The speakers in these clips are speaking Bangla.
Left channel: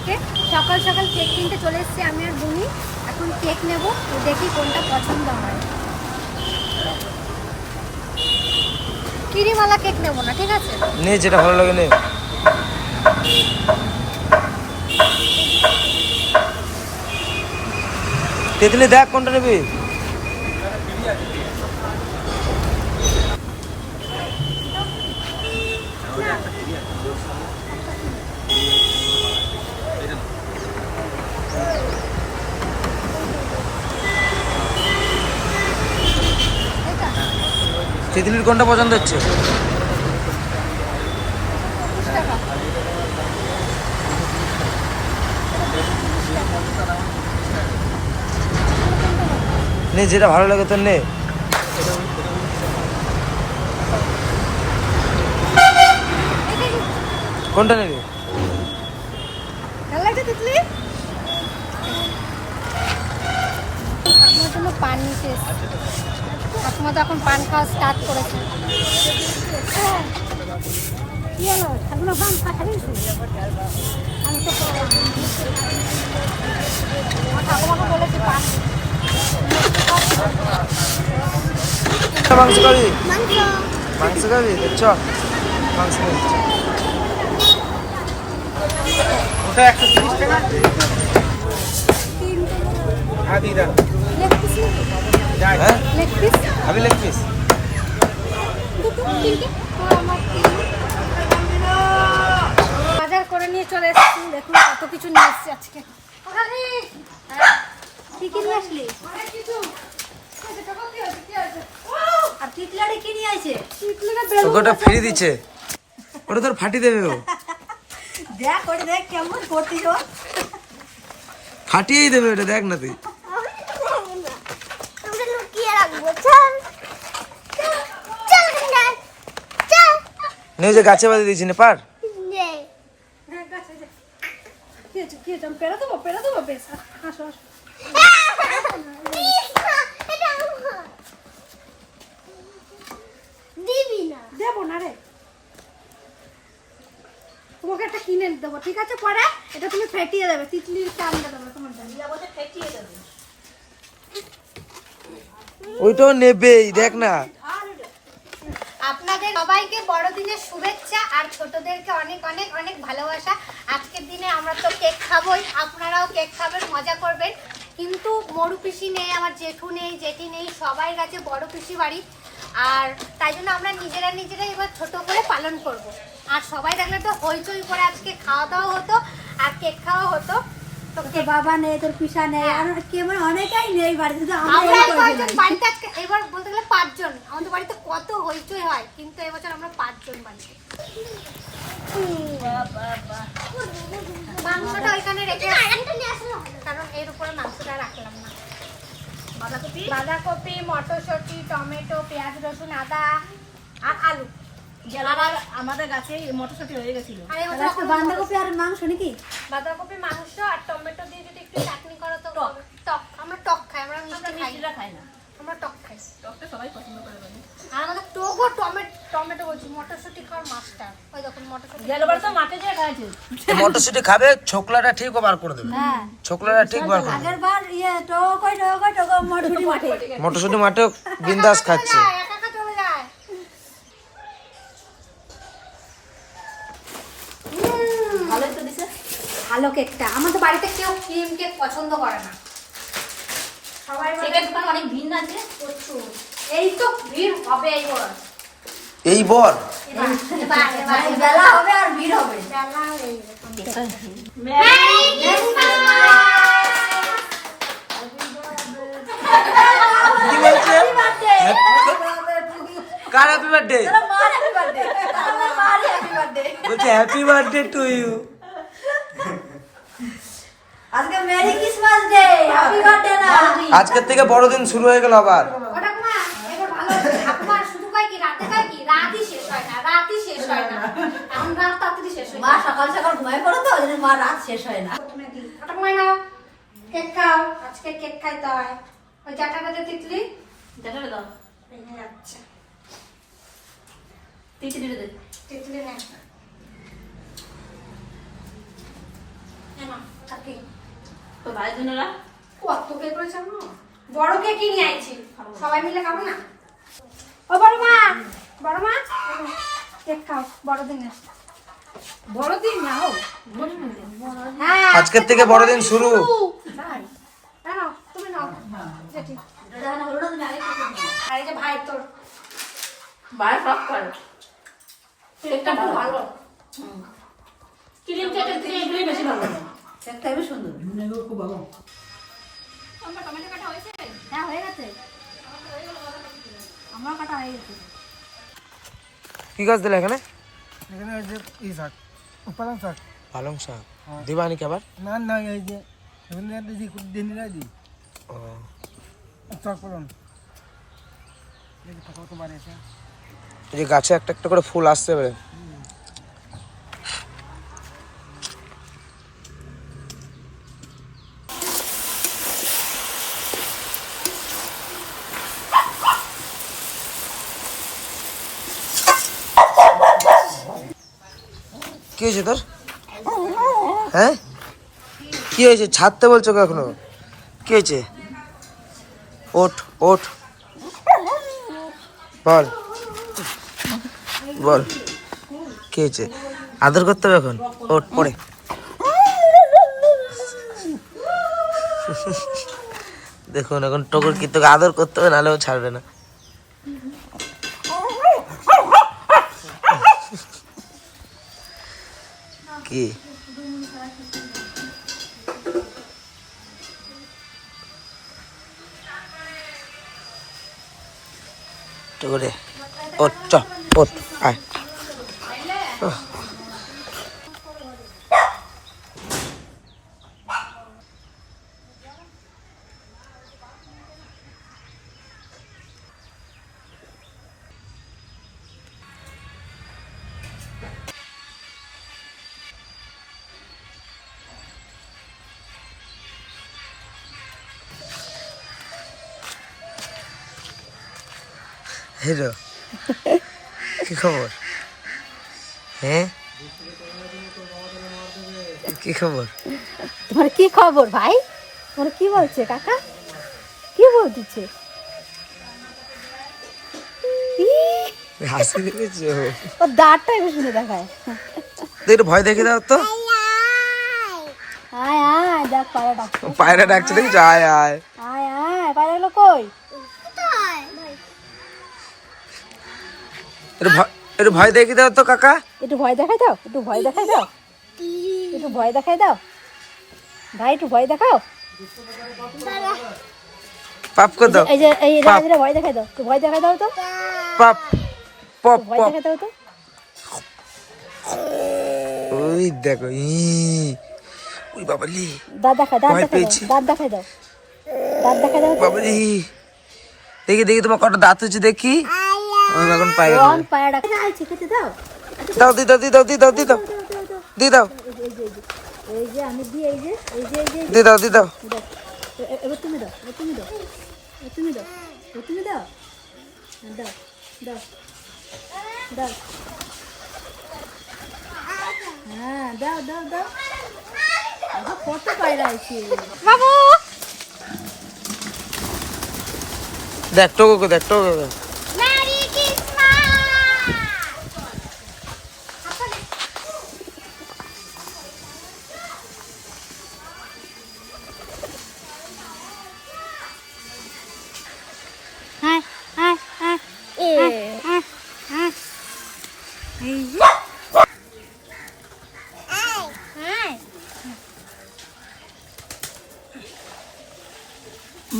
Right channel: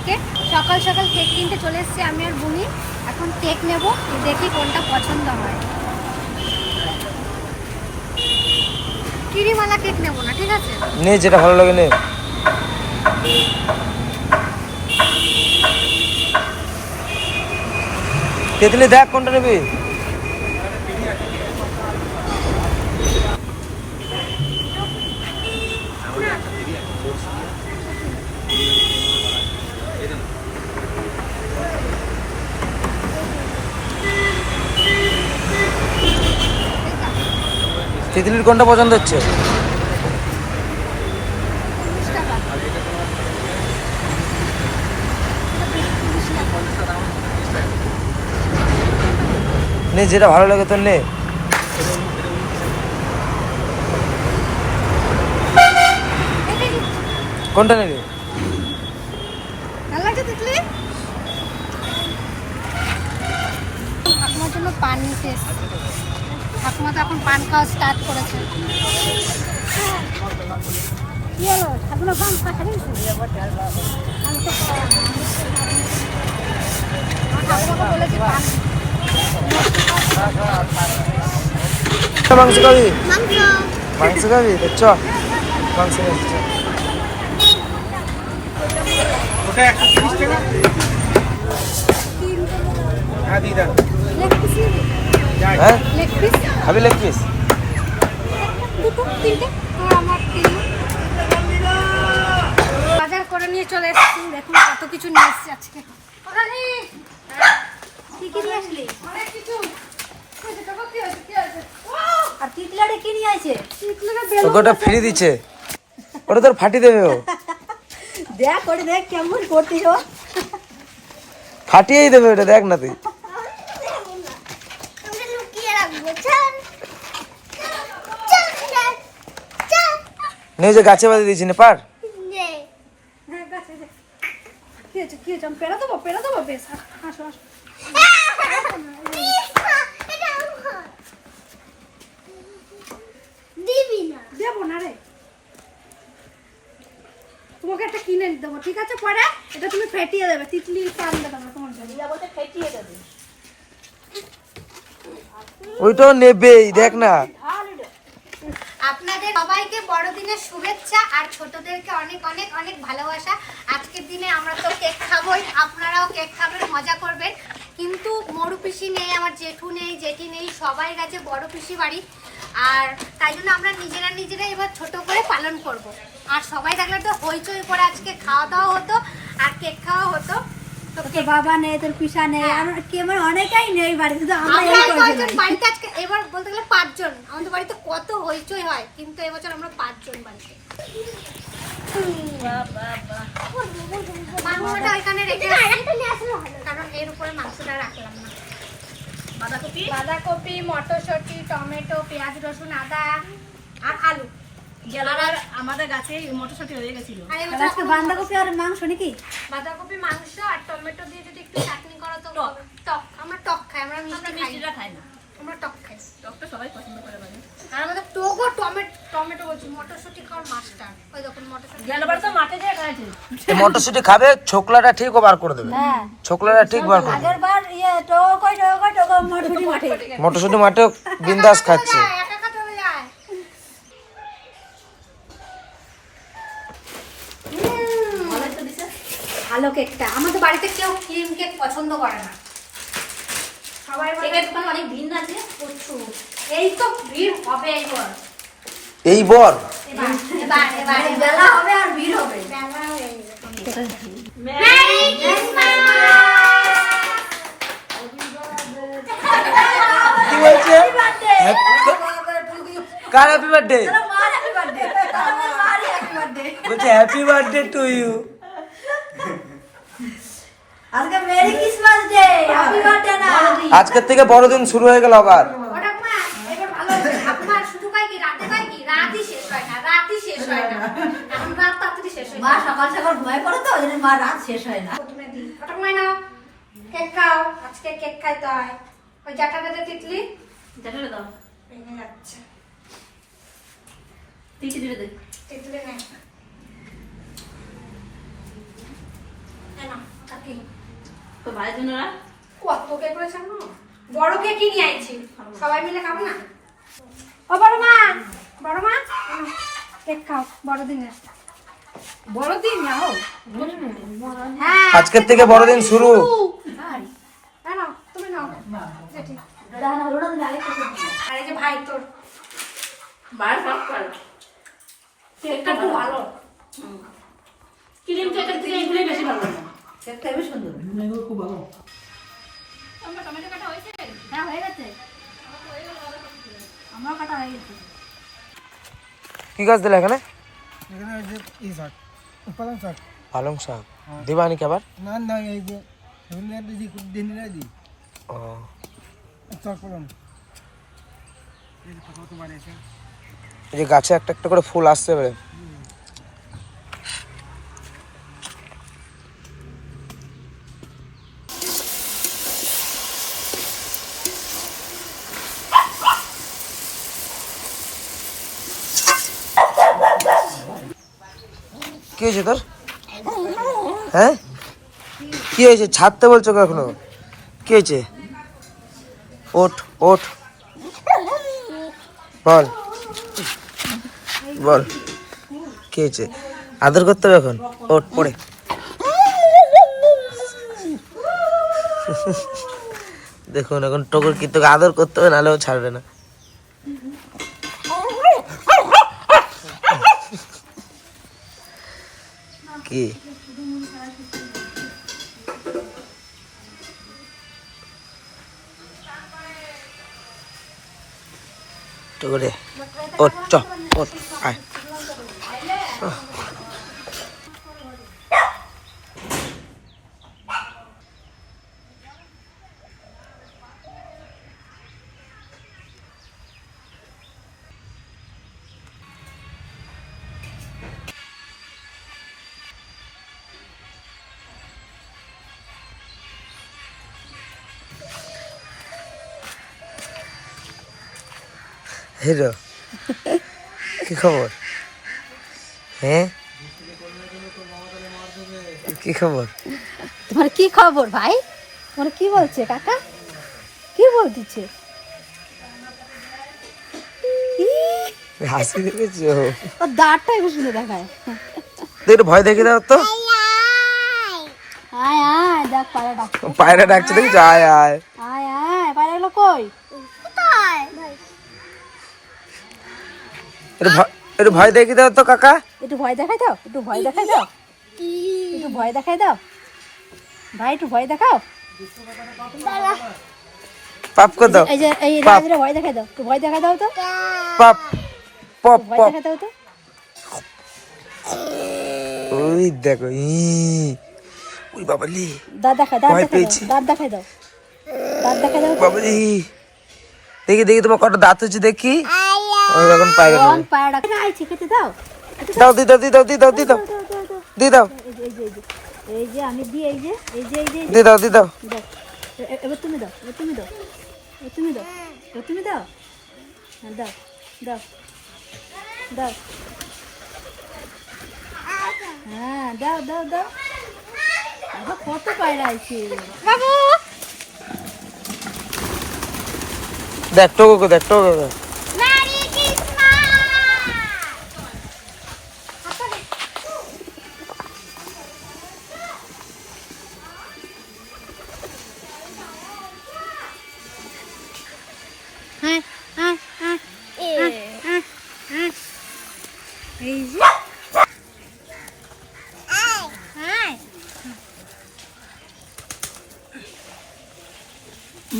সবাইকে সকাল সকাল কেক কিনতে চলে এসেছি আমি আর বুনি। এখন কেক নেব দেখি কোনটা পছন্দ হয়। কিরিমালা কেক নেব না, ঠিক আছে? নে, যেটা ভালো লাগে নে। তেতলি দেখ, কোনটা নেবি? তিতলির কোনটা পছন্দ হচ্ছে? নে যেটা ভালো লাগে তোর নে। কোনটা নেবে ভালো লাগছে তিতলি ঠাকুমার জন্য পান নিতে এসেছি ঠাকুমা তো এখন পান খাওয়া স্টার্ট করেছে। আমি তো ঠাকুমাকে বলেছি পান। মাংস খাবি? মাংস। খাবি? চ মাংস নিবি? হ্যাঁ? লেগ পিস খাবি লেগ পিস দুটো তিনটে? তো আমার তিন বাজার করে নিয়ে চলে এসেছি। দেখুন কত কিছু নিয়ে এসেছি আজকে? আর! তিতলারে কি নিয়ে আছে? তোকে ওটা ফ্রি দিচ্ছে। ওটা তোর ফাটি দেবে ও। দেখ করে দেখ কেমন করতিস ও। ফাটিয়েই দেবে ওটা দেখ না তুই আমরা লুকিয়ে রাখব চল চল চল চল নে ওই যে গাছে বাজে দিয়েছি না পার। দেবো দেবো দিবি না রে। তোমাকে একটা কিনে দেবো ঠিক আছে পরে এটা তুমি ফেটিয়ে দেবে তিতলির কান দেবো তোমার জন্য ওই তো নেবেই দেখ না আপনাদের সবাইকে বড়দিনের শুভেচ্ছা আর ছোটদেরকে অনেক অনেক অনেক ভালোবাসা। আজকের দিনে আমরা তো কেক খাবোই, আপনারাও কেক খাবেন, মজা করবেন। কিন্তু মরু পিসি নেই, আমার জেঠু নেই, জেঠি নেই, সবাই গেছে বড় পিসি বাড়ি। আর তাই জন্য আমরা নিজেরা নিজেরা এবার ছোট করে পালন করব। আর সবাই থাকলে তো হইচই করে আজকে খাওয়া দাওয়া হতো, আর কেক খাওয়া হতো। তোর বাবা নেই তোর পিসা নেই আর কি অনেকেই নেই বাড়িতে তো আমরা এই করব বাড়িতে আজকে এবার বলতে গেলে পাঁচজন। আমাদের বাড়িতে কত হইচই হয় কিন্তু এবছর আমরা পাঁচজন বাড়িতে। মাংসটা ওইখানে রেখে কারণ এর উপরে মাংসটা রাখলাম না। বাঁধাকপি? বাঁধাকপি মটরশুঁটি টমেটো পেঁয়াজ রসুন আদা আর আলু। গেলাবার আমাদের গাছে মটরশুঁটি হয়ে গেছিল। আজকে বাঁধাকপি আর মাংস নাকি? বাঁধাকপি মাংস আর টমেটো দিয়ে যদি একটু চাটনি করো তো টক। আমরা টক খাই আমরা মিষ্টি খাই। না। খাই না। আমরা টক খাই। টকটা সবাই পছন্দ করে আর আমাদের টগো টমেটো টমেটো বলছি মটরশুঁটি খাওয়ার মাস্টার। ওই দেখুন মটরশুঁটি গেলাবার তো মাঠে খাইছে। মটরশুটি খাবে ছোকলাটা ঠিক ও বার করে দেবে। হ্যাঁ। ছোকলাটা ঠিক বার করে দেবে। আগের বার ইয়ে টোকো মটরশুঁটি মাঠে। মটরশুটি মাঠে বিন্দাস খাচ্ছে। ভালো কেকটা আমাদের বাড়িতে কেউ ক্রিম কেক পছন্দ করে না। সবাই কেকের দোকান অনেক ভিন্ন আছে প্রচুর। এই তো ভিড় হবে এই বর? এবার এবার এবার বেলা হবে আর ভিড় হবে। বেলা গেছে। কি বলছে? কার হ্যাপি বার্থডে বলছে হ্যাপি বার্থডে টু ইউ আজকে merry Christmas day happy birthday না। আজকের থেকে বড়দিন শুরু হয়ে গেল আবার। ও ঠাকুমা, এবার ভালো হচ্ছে। ঠাকুমা শুধু রাতে রাতই শেষ হয় না রাতই শেষ হয় না। এখন শেষ হয় মা সকাল সকাল পড়ো তো মা রাত শেষ হয় না। নাও কেক খাও আজকে কেক খাইতে হয় ওই জাটাটা যে তিতলি। দাও। তিতলি দে। তিতলি নে নাও। তো ভাই বোনেরা কত কে করেছে আম্মু? বড় কে কি নিয়ে আইছি? সবাই মিলে খাব না? ও বড় মা বড় মা। কেক খাও বড় দিনের বড়দিন না হোক। হ্যাঁ। আজকের থেকে বড়দিন শুরু। না ভাই তোর। ভাই সব করে। কেকটা খুব ভালো। ক্রিম থেকে বেশি ভালো একটা বেশ সুন্দর আমার টমেটো কাটা হয়েছে? হ্যাঁ হয়ে গেছে। আমার কাটা হয়ে গেছে। কি গাছ দিলে এখানে? এখানে যে ই শাক উপাদান শাক। পালং শাক। দিবানি কি আবার? না না এই যে এখানে একটা যে দিন দিই ও। এই যে এই গাছে একটা একটা করে ফুল আসছে এবারে। হয়েছে তোর? হ্যাঁ? কি হয়েছে? ছাড়তে বলছো কখনো? কি হয়েছে? ওঠ ওঠ। বল। বল। কি হয়েছে? আদর করতে হবে এখন? ওঠ, পড়ে। দেখুন, এখন টকুর কি, তোকে আদর করতে হবে, নাহলে ও ছাড়বে না। কি? ওঠ চ ওঠ আয়। হিরো কি খবর? হ্যাঁ? কি খবর? তোমার কি খবর ভাই? তোমার কি বলছে কাকা? কি বলতেছে? হাসি দেখেছ? ও দাঁতটা একটু শুনে দেখায় একটু ভয় দেখে দাও তো। আয় আয় দেখ পায়রা ডাক পায়রা ডাকছে দেখি আয় আয়। আয় আয় পায়রাগুলো কই? একটু ভয় একটু ভয় দেখে দাও তো কাকা। একটু ভয় দেখাই দাও একটু ভয় দেখাই দাও। একটু ভয় দেখাই দাও। ভাই একটু ভয় দেখাও। পাপ কর দাও। এই যে এই পাপ। ভয় দেখাই দাও একটু ভয় দেখাই দাও তো। পাপ। পপ ভয় দেখাই দাও তো। ওই দেখো ই। ওই বাবালি। দাঁত দেখা দাঁত। দাও দাঁত দেখাই দাও। দাঁত দেখাই দাও তো। বাবালি। দেখি দেখি তোমার কটা দাঁত হচ্ছে দেখি। আমি এখন পায়রা দেবো। পায়রা আইছে খেতে দাও। দাও দি দাও দি দাও দি দাও দি দাও। দি দাও। এই যে আমি দিই এই যে এই যে এই যে দি দাও দি দাও। এবার তুমি দাও এবার তুমি দাও। এবার তুমি দাও। এবার তুমি দাও। দাও দাও দাও। হ্যাঁ দাও দাও দাও। কত পায়রা আছে। দেখ টোকো দেখ টোকো দেখ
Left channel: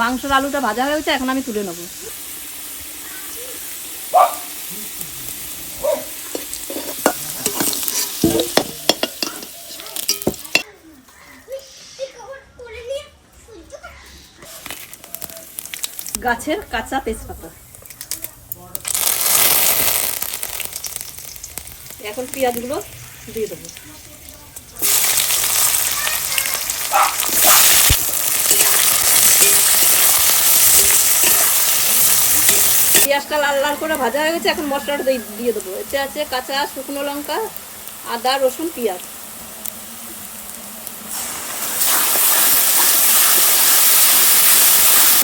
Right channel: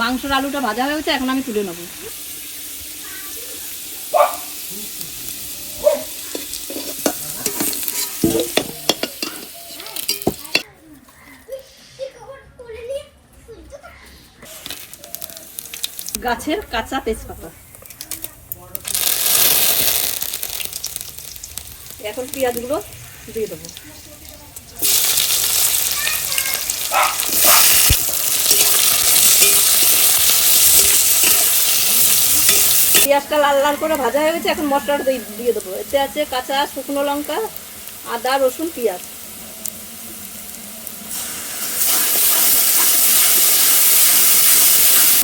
মাংসর আলুটা ভাজা হয়েছে এখন আমি তুলে নেব। গাছের কাঁচা তেজপাতা। এখন পেঁয়াজগুলো দিয়ে দেবো। পেঁয়াজটা লাল লাল করে ভাজা হয়ে গেছে, এখন মশলাটা দিয়ে দেবো। এতে আছে কাঁচা, শুকনো লঙ্কা, আদা, রসুন, পেঁয়াজ।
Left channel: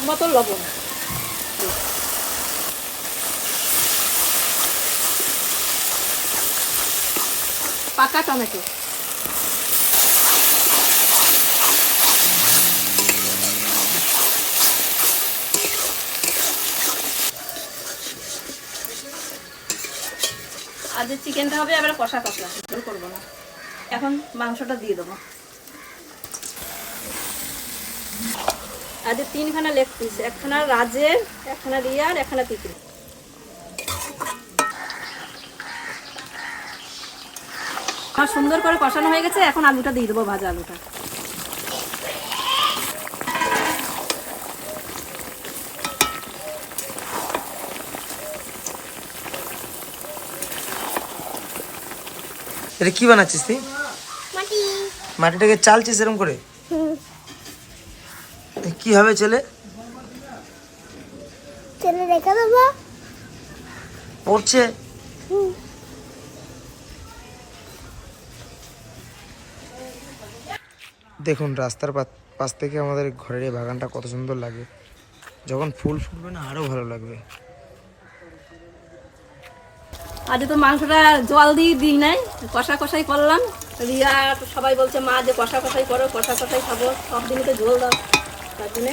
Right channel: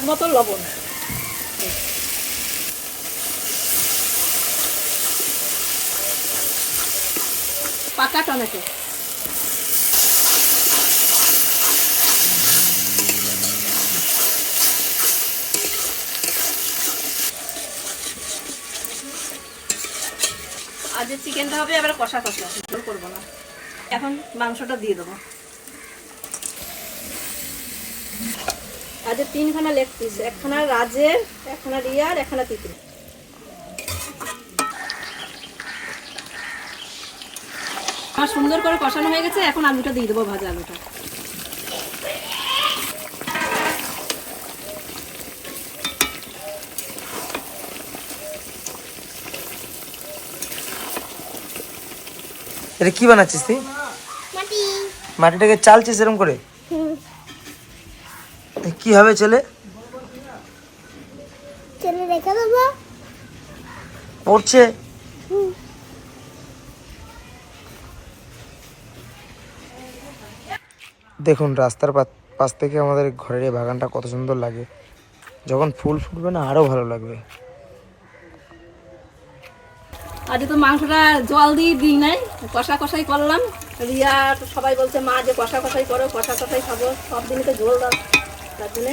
মতো লবণ। পাকা টমেটো। চিকেনটা হবে এবারে কষা কষা জোর করব না। এখন মাংসটা দিয়ে দেবো। আজ তিনখানা লেগ পিস একখানা রাজের একখানা রিয়ার একখানা তিতির। আমার সুন্দর করে কষানো হয়ে গেছে এখন আলুটা দিয়ে দেবো ভাজা আলুটা। এটা কি বানাচ্ছিস তুই? মাটিটাকে চালছিস এরকম করে? কি হবে ছেলে? পড়ছে। দেখুন রাস্তার পাশ থেকে আমাদের ঘরের এই বাগানটা কত সুন্দর লাগে। যখন ফুল ফুটবে না আরও ভালো লাগবে। আজ তো মাংসটা জল দিয়ে দিই নাই, কষা কষাই করলাম। রিয়া সবাই বলছে, মা যে কষা কষাই করো, কষা কষাই খাব, সব দিনকে জল দাও। তার জন্যে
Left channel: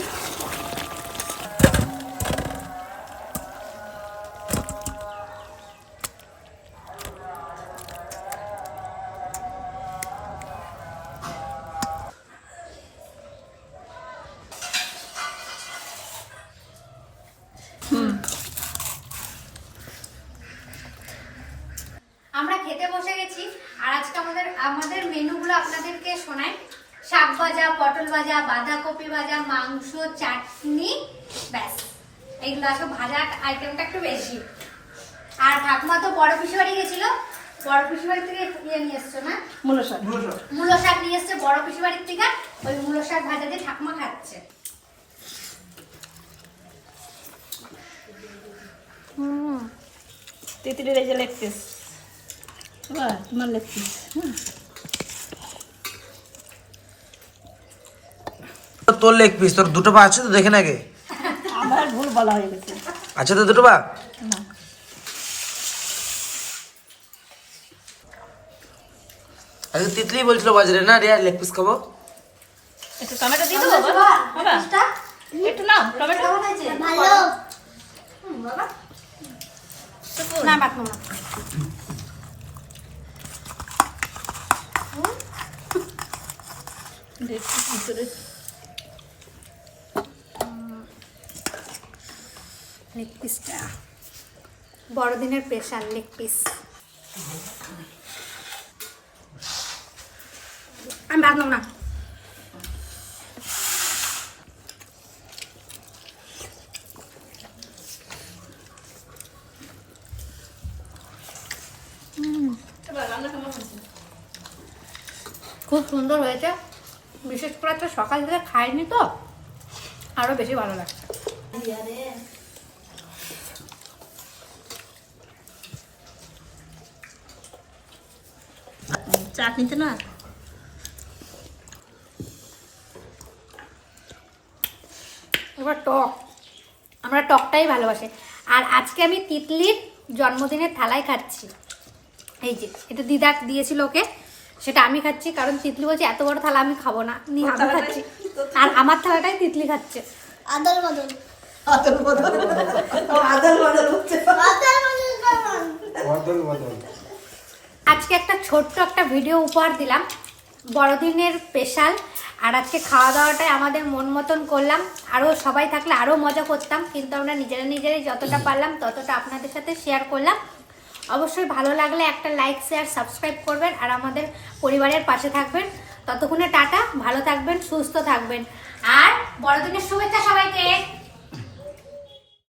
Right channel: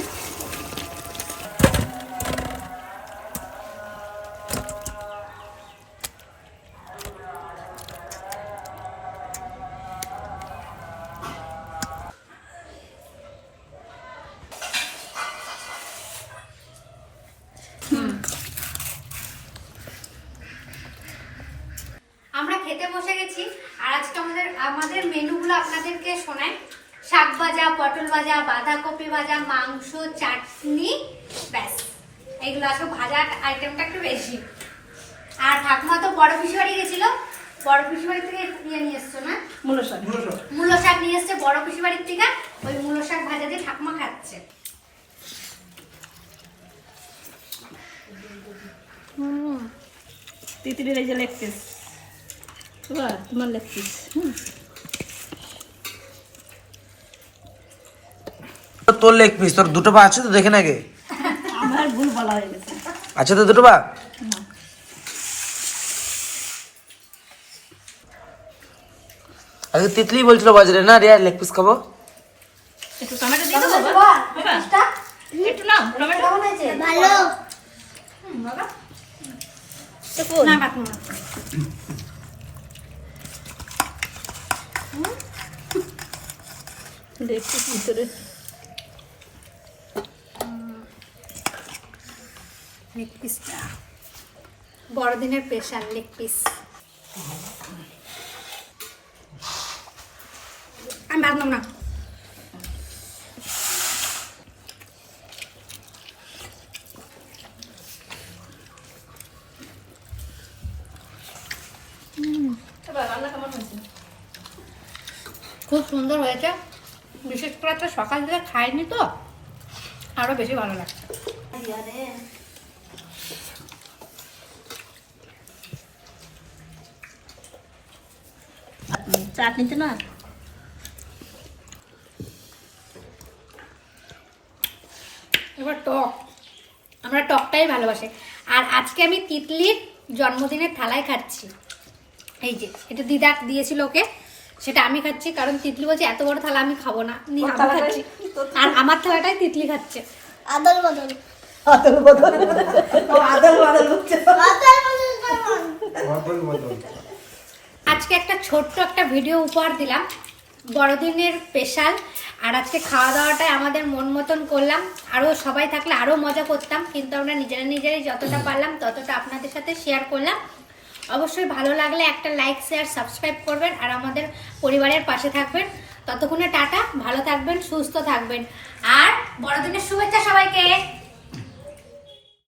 খেতে বসে গেছি। আর আজকে আমাদের আমাদের মেনুগুলো আপনাদেরকে শোনাই। শাক ভাজা পটল ভাজা বাঁধাকপি ভাজা মাংস চাটনি ব্যাস। এগুলো আজকে ভাজার আইটেমটা একটু বেশি। আর ঠাকুমা তো বড় পিসি বাড়ি গেছিল। বড় পিসি বাড়ি থেকে ইয়ে নিয়ে এসছো না? মূলো শাক। মূলো শাক। নিয়ে এসছে বড় পিসি বাড়ির থেকে। ওই মূলো শাক ভাজা দিয়ে ঠাকুমা খাচ্ছে। তিতিরের এই যে লেগ পিস। এবার তোমার লেগ পিস হুম তোর লেগ পিস তোর দুটো পা আছে তো দেখে নাকি আমার ভুল বলা হয়ে গেছে। আছে তো দুটো পা? আজকে তিতলি বলছিল বাজারে না রিয়া লেগ পিস খাব। একটু টমেটো দিয়ে দেবো বাবা? বাবা, একটু নাও টমেটো। ভালো না লেগ একটু ভিতরে লেগ পিসটা বড়দিনের স্পেশাল লেগ পিস আমি ভাবলাম না এবার রান্না কেমন হয়েছে খুব সুন্দর হয়েছে বিশেষ সকাল থেকে খাইনি তো, আরও বেশি ভালো লাগছে। চাটনিতে না? এবার টক। আমরা টকটাই ভালোবাসি। আর আজকে আমি তিতলির জন্মদিনের থালায় খাচ্ছি। এই যে, এটা দিদা দিয়েছিল ওকে। সেটা আমি খাচ্ছি কারণ তিতলি বলছে এত বড় থালা আমি খাব না। আমি খাচ্ছি আর আমার থালাটাই তিতলি খাচ্ছে। আদল বদল। আজকে একটা ছোট্ট একটা ভিডিও উপহার দিলাম বড়দিনের স্পেশাল। আর আজকে খাওয়া দাওয়াটাই আমাদের মন মতন করলাম। আরও সবাই থাকলে আরও মজা করতাম কিন্তু আমরা নিজেরা নিজেরাই যতটা পারলাম ততটা আপনাদের সাথে শেয়ার করলাম। অবশ্যই ভালো লাগলে একটা লাইক শেয়ার সাবস্ক্রাইব করবেন আর আমাদের পরিবারের পাশে থাকবেন। ততক্ষণে টাটা, ভালো থাকবেন, সুস্থ থাকবেন। আর বড়দিনের শুভেচ্ছা সবাইকে।